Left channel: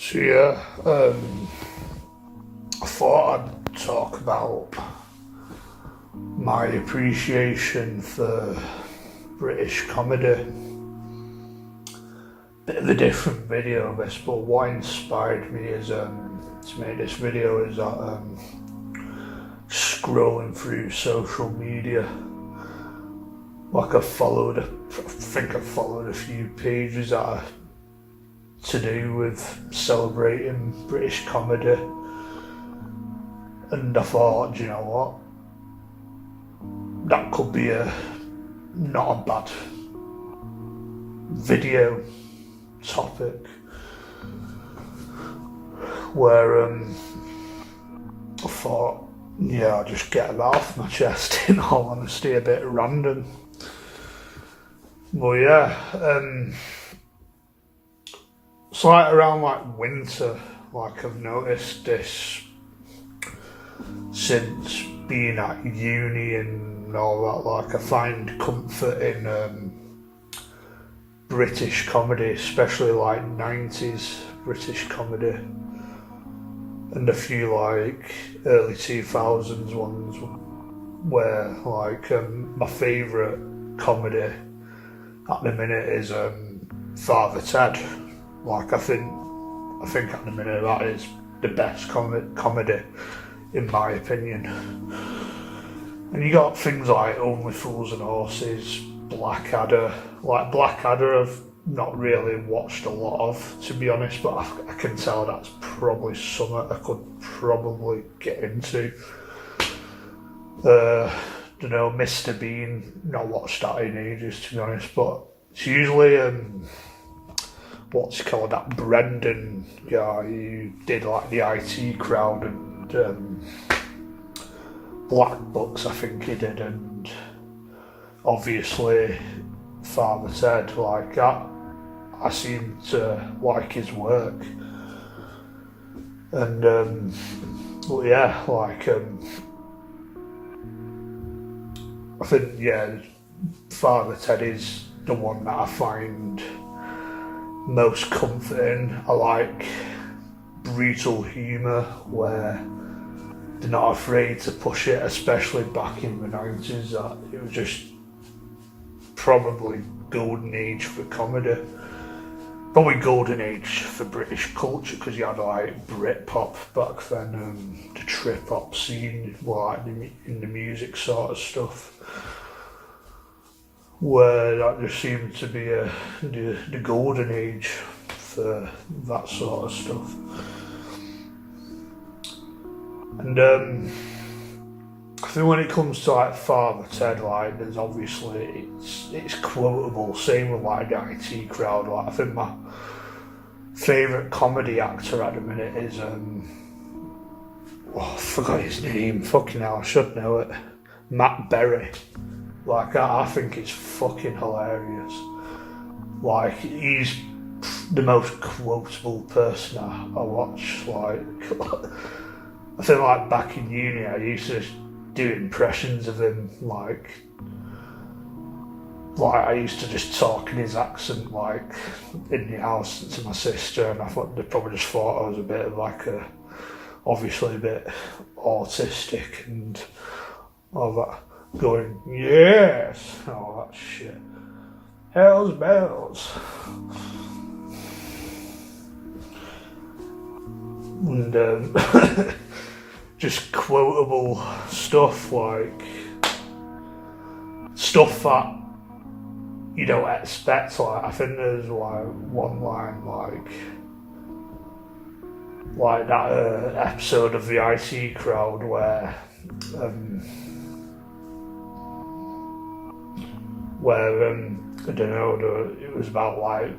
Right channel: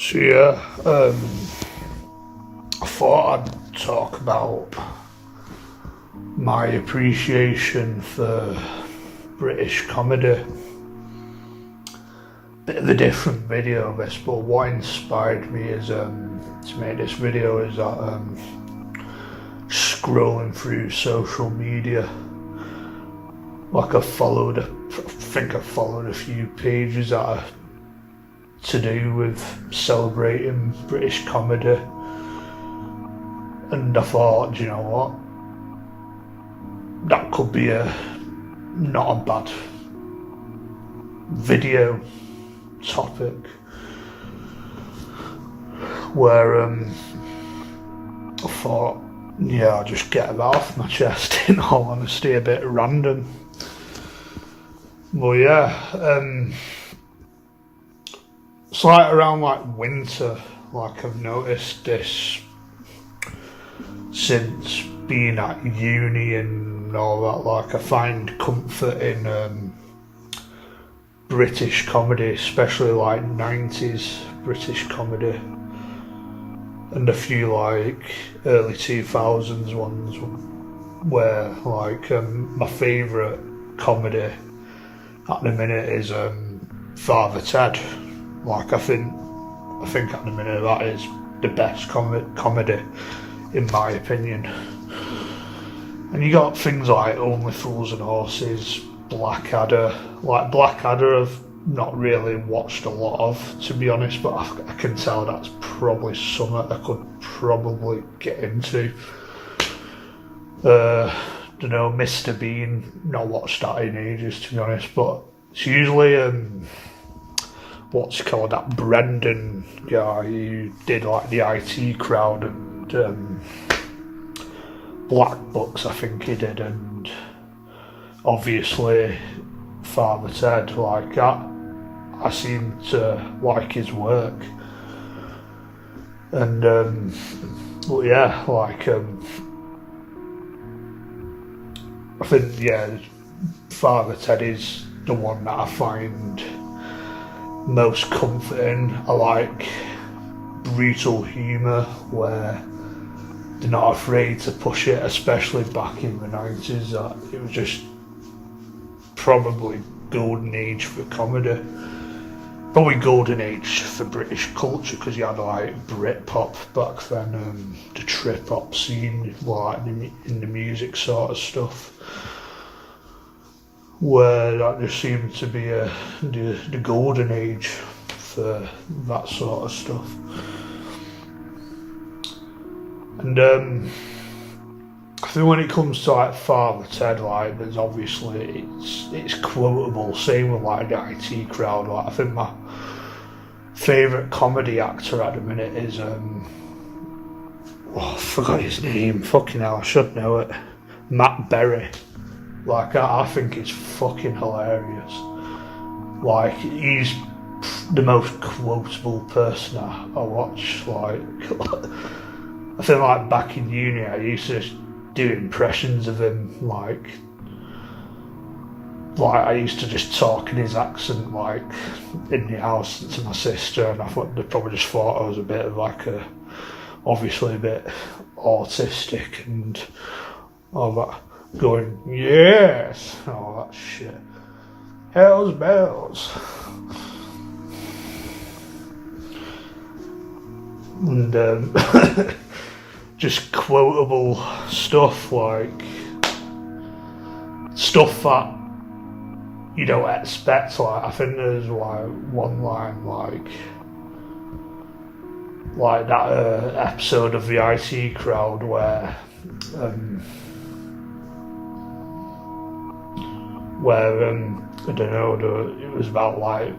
So yeah, I thought I'd talk about my appreciation for British comedy. Bit of a different video, I guess, but what inspired me is to make this video is that scrolling through social media, like I think I followed a few pages that are to do with celebrating British comedy, and I thought, do you know what? That could be not a bad video topic where I thought, yeah, I'll just get it off my chest in all honesty, a bit random. Well, yeah, it's like around like winter, like I've noticed this since being at uni and all that, like I find comfort in British comedy, especially like 90s British comedy and a few like early 2000s ones where like my favourite comedy at the minute is Father Ted. Like I think at the minute that is the best comedy in my opinion. And you got things like Only Fools and Horses, Blackadder. Like Blackadder I've not really watched a lot of, to be honest, but I can tell that's probably something I could probably get into. Don't know, Mr. Bean, not watched that in ages, to be honest, but it's usually what's called that Brendan guy who did like the IT Crowd and Black Books, I think he did, and obviously Father Ted. Like that, I seem to like his work, and well, yeah, like I think Father Ted is the one that I find most comforting. I like brutal humour where they're not afraid to push it, especially back in the 90s. That it was just probably golden age for comedy. Probably golden age for British culture because you had like Britpop back then, the trip hop scene, like in the music sort of stuff, where that just seemed to be the golden age for that sort of stuff. And I think when it comes to like Father Ted, like there's obviously it's quotable. Same with like the IT Crowd. Like I think my favourite comedy actor at the minute is I forgot his name. Fucking hell, I should know it. Matt Berry. Like I think it's fucking hilarious. Like he's the most quotable person I watch. Like I think like back in uni I used to do impressions of him. Like I used to just talk in his accent like in the house to my sister, and I thought they probably just thought I was a bit of like obviously a bit autistic and all that. Going, yes, all that shit. Hell's bells. And just quotable stuff like stuff that you don't expect. Like I think there's like one line like that episode of the IT Crowd where I don't know, it was about like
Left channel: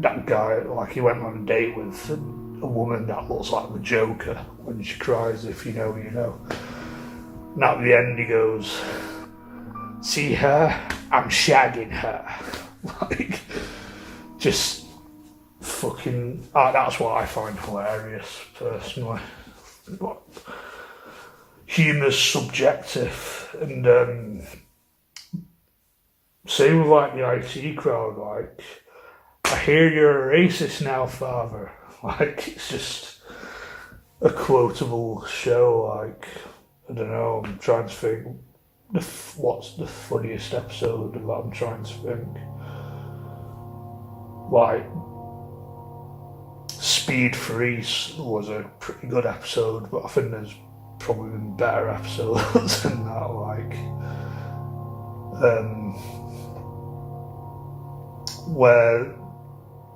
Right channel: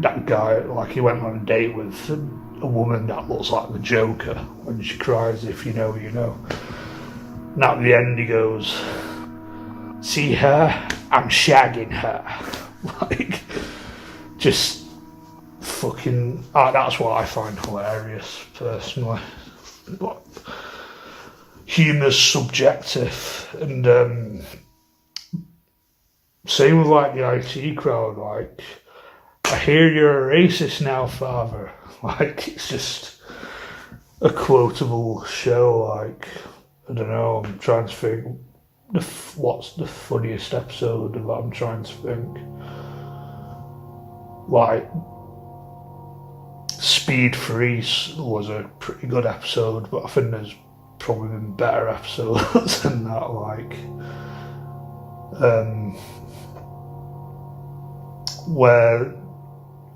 that guy, like he went on a date with a woman that looks like the Joker and she cries, if you know, you know. And at the end he goes, see her, I'm shagging her. Like, just fucking, that's what I find hilarious personally. But humour's subjective, and same with like the IT Crowd, like I hear you're a racist now, father. Like, it's just a quotable show. Like, I don't know, I'm trying to think what's the funniest episode of that. I'm trying to think. Like, Speed Freeze was a pretty good episode, but I think there's probably been better episodes than that. Like, where,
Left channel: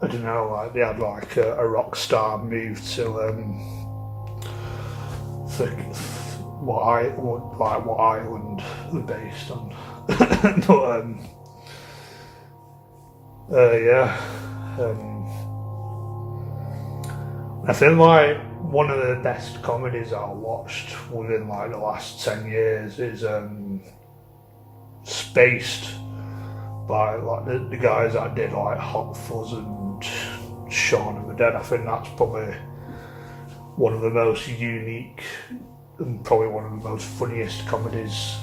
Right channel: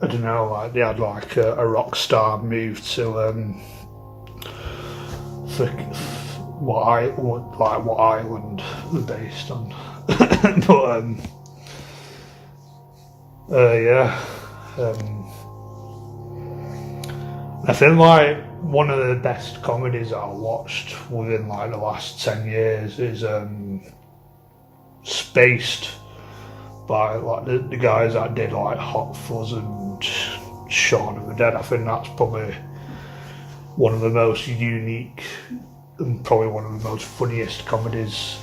I don't know, like they had like a rock star move to what island they're based on. But yeah. I feel like one of the best comedies I watched within like the last 10 years is Spaced, by like the guys that did like Hot Fuzz and Shaun of the Dead. I think that's probably one of the most unique and probably one of the most funniest comedies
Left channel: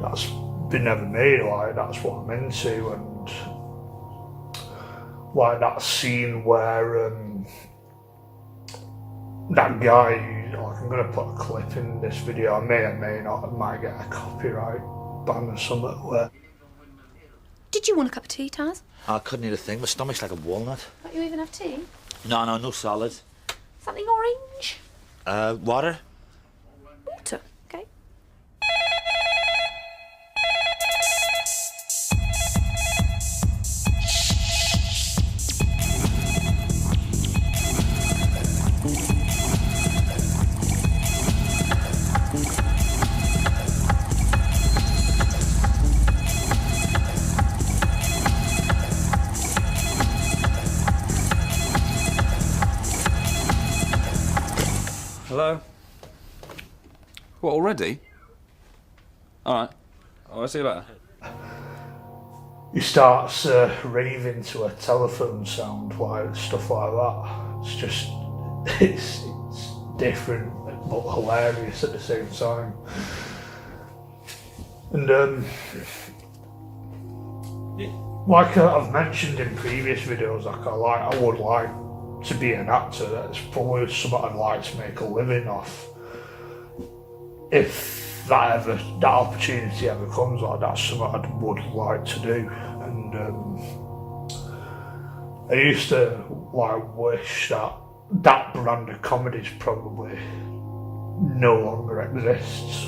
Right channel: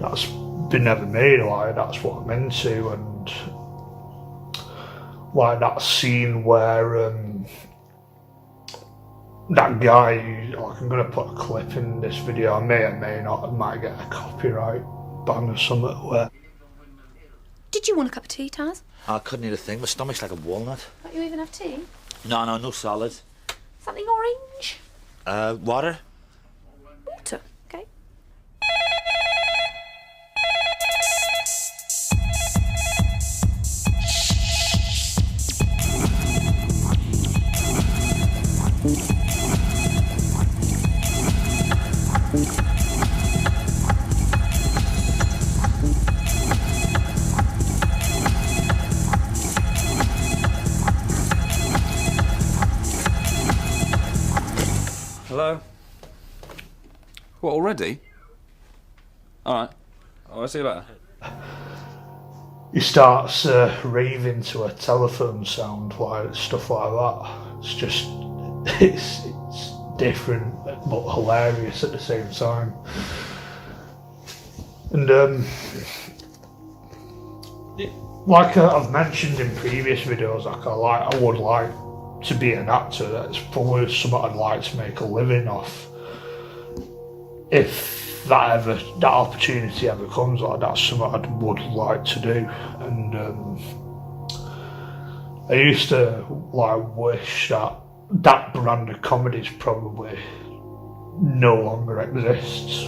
that's been ever made. Like, that's what I'm into. And like that scene where that guy who, like, I'm going to put a clip in this video, I may or may not, I might get a copyright ban or something. Where did you want a cup of tea, Taz? I couldn't eat a thing, my stomach's like a walnut. Don't you even have tea? No solid. Something orange? Water? Water, okay. Hello? What, already? Alright. I'll see you later. he starts raving to a telephone sound, like stuff like that. It's just, it's different but hilarious at the same time. And like I've mentioned in previous videos, like I would like to be an actor. That's probably something I'd like to make a living off. If that opportunity ever comes, like, that's something I would like to do. And I used to like wish that brand of comedy probably no longer exists,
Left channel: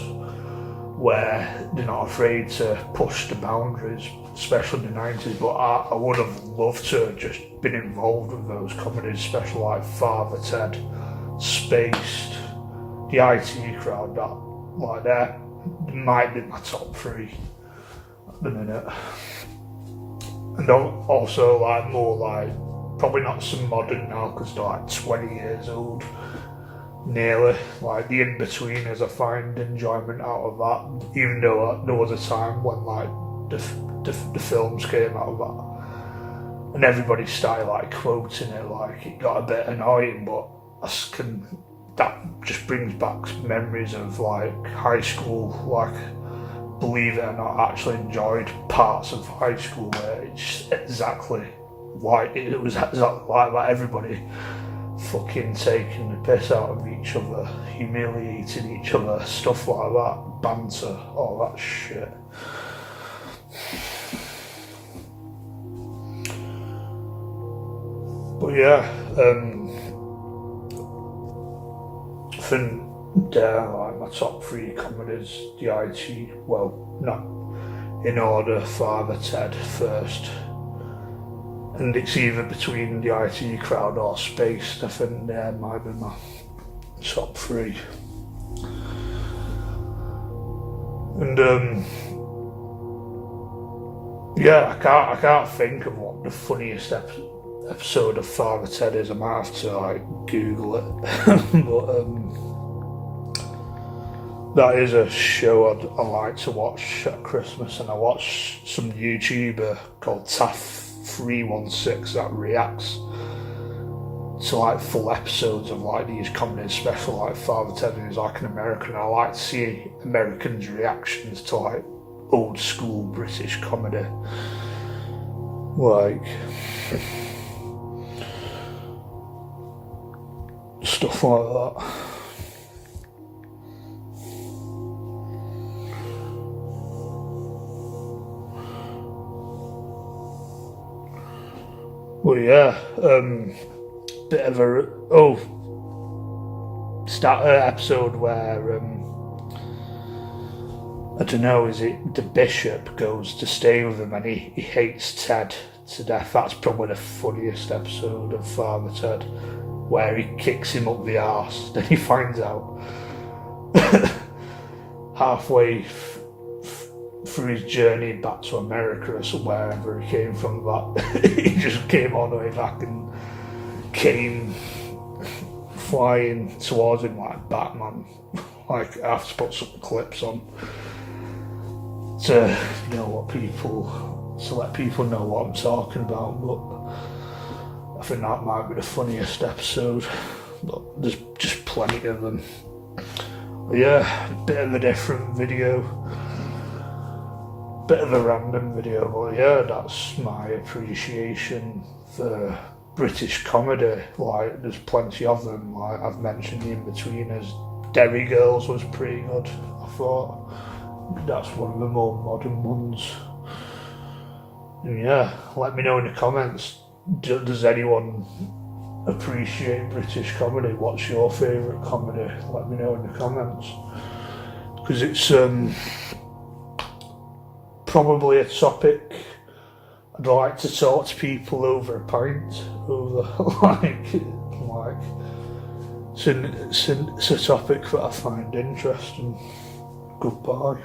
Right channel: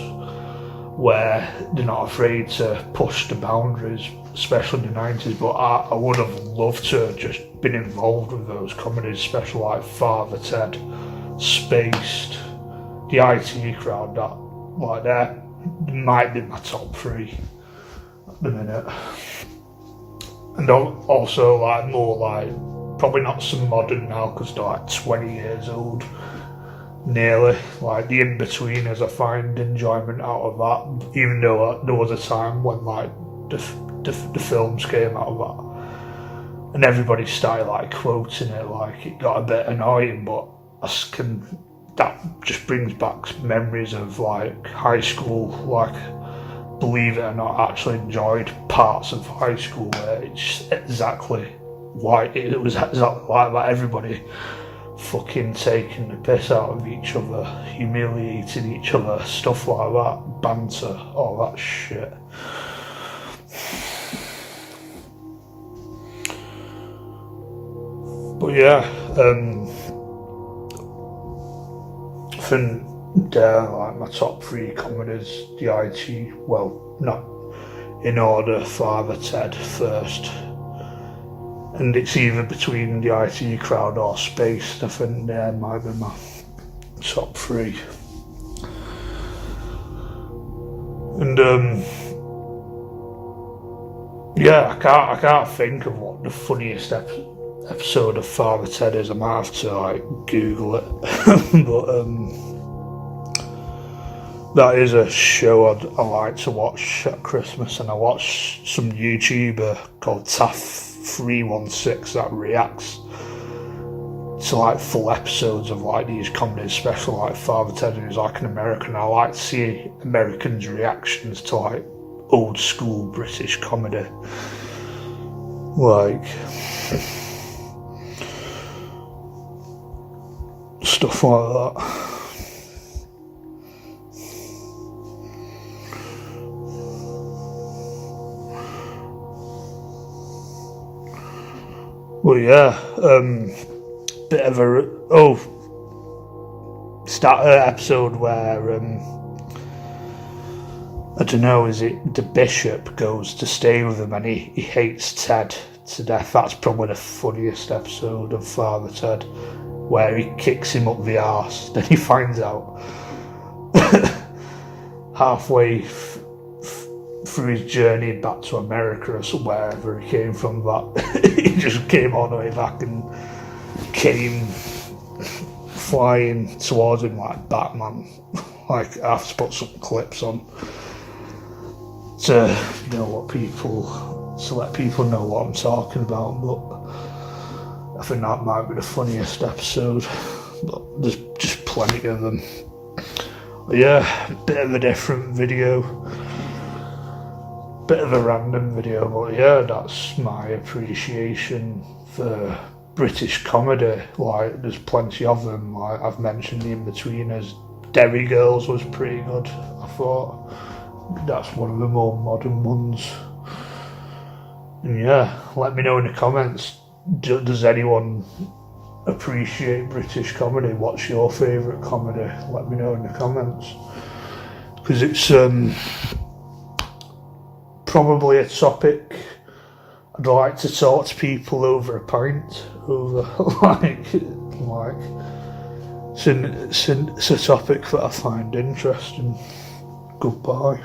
where they're not afraid to push the boundaries, especially in the 90s. But I would have loved to have just been involved with those comedies, especially like Father Ted, Spaced, the IT Crowd. That, like, that might be my top 3 at the minute. And also like more like, probably not so modern now because they're like 20 years old. Nearly, like the in-betweeners, I find enjoyment out of that, even though there was a time when like the films came out of that and everybody started like quoting it, like it got a bit annoying. But that just brings back memories of like high school. Like, believe it or not, I actually enjoyed parts of high school where it's exactly like it was exactly like that. Everybody fucking taking the piss out of each other, humiliating each other, stuff like that, banter, all that shit. But yeah, I think they're like my top 3 comedies. The IT, well, not in order, Father Ted first. And it's either between the IT Crowd or Spaced. I think they might be my top 3. And yeah, I can't think of what the funniest episode of Father Ted is. I might have to like Google it. But that is a show I like to watch at Christmas. And I watch some YouTuber called Taff316 that reacts to like full episodes of like these comedies, especially like Father Ted, who's like an American. I like to see Americans' reactions to like old school British comedy. Like, stuff like that. Well, yeah, bit of a start an episode where I don't know, is it the bishop goes to stay with him and he hates Ted to death. That's probably the funniest episode of Father Ted, where he kicks him up the arse. Then he finds out halfway through his journey back to America or wherever he came from, that he just came all the way back and came flying towards him like Batman. Like, I have to put some clips on to let people know what I'm talking about, but I think that might be the funniest episode, but there's just plenty of them. But yeah, a bit of a different video, bit of a random video, but yeah, that's my appreciation for British comedy. Like, there's plenty of them. Like, I've mentioned the In-Betweeners. Derry Girls was pretty good, I thought. That's one of the more modern ones. And yeah, let me know in the comments, does anyone appreciate British comedy? What's your favourite comedy? Let me know in the comments, because it's probably a topic I'd like to talk to people over a pint over. It's a topic that I find interesting. Goodbye.